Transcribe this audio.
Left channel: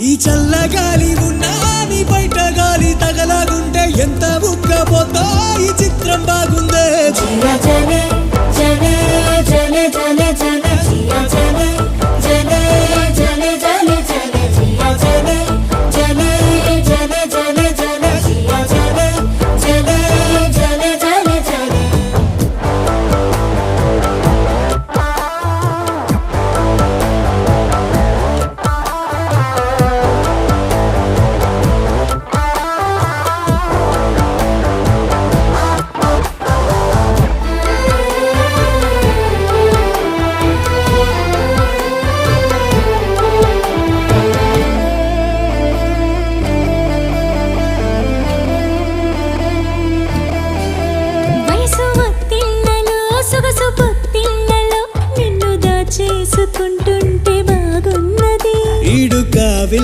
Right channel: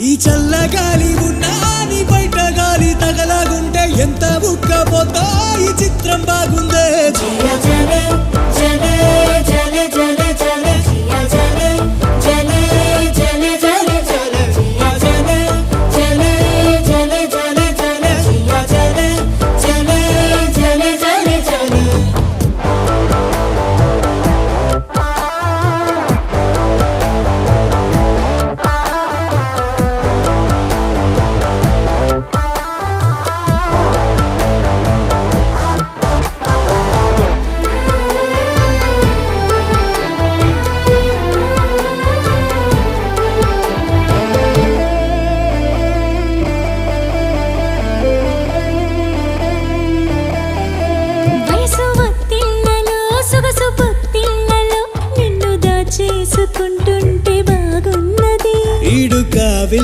ఈ చల్లగాలి ఉన్నా నీ బయట గాలి తగలాగుంటే ఎంత ఉక్కపోతా ఈ చిత్రం బాగుందే. జలే జలే జలే జలే